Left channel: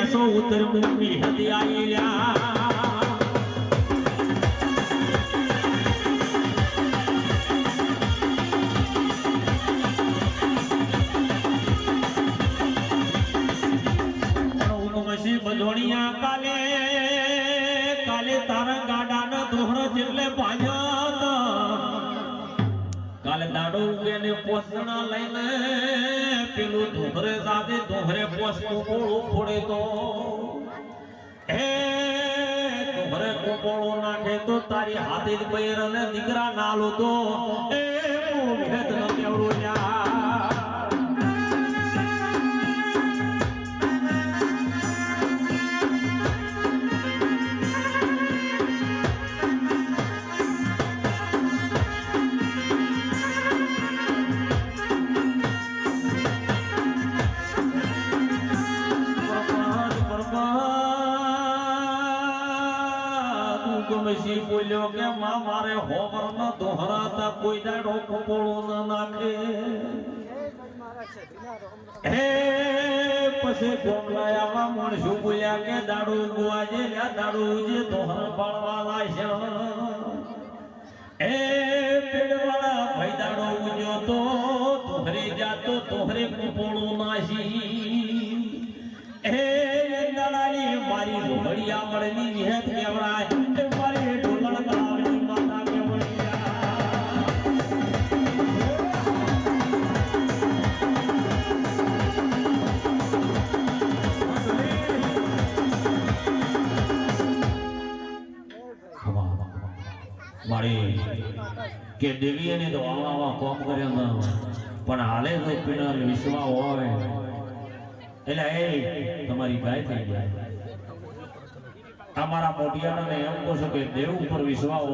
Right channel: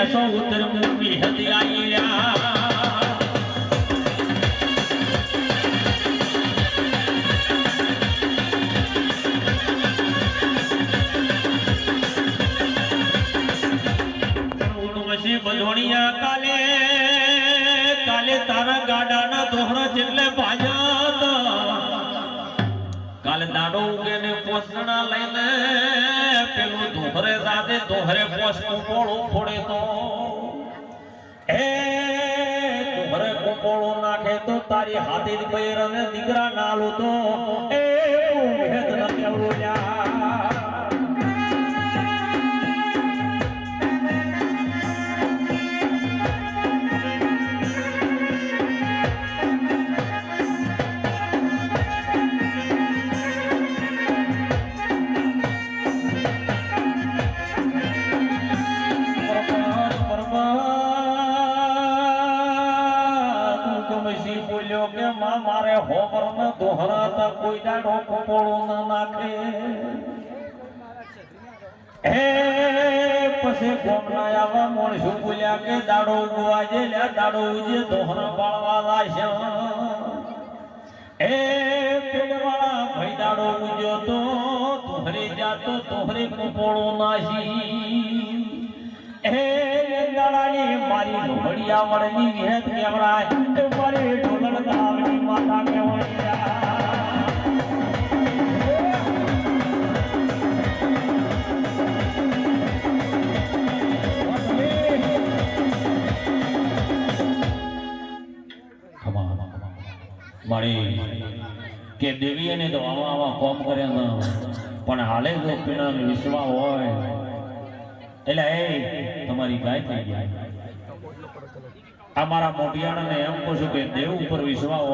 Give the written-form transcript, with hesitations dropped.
ભેસો ઉતર મૂકી હતી આયા બજોણિયા કાલે કાલે તારા ગાડાના દોહરા જેટલે ભાજત કાલે દાડો ઉગે ને પોસણા લઈને પેલું દોહરે સાથે દોહરે પોસનું પોળું ફોડે તો એ દોહરે કોપોળો નાખે તો તારી હાથે જ બૈર અને દીકરા નાલો તો એ ભેદ ન કેવડું લ્યા બોલ્યો કે માં મારે હોમર ના દોહરાતા કોઈ દાડો કપોળો ના નાખે હે પછી ગોમના આવા માણસો બોલ્યા કે દાડો ઉગવા જે દાડો ઉજે દોહરા પાળવા લાશે એ પેડવાળા ભાઈ દાડો ઉજ્યો તો દોહરે જાતો દોહરે કપોળો નાશી એ દાડાની મારી ઢોળિયા મળની વિહેત કેવડાય એ મારી ઢોળ ગામની માતા મારી કે દેવીએ ને તો આવા કોમ કર્યા પણ હાલે જો પીણા વિશ્વા હોય એટલે એ તમારી ગાય થઈ ગયા અમારા મોટિયાણાને એમ કહું છું કે દેવ ઉપર વિશ્વાસ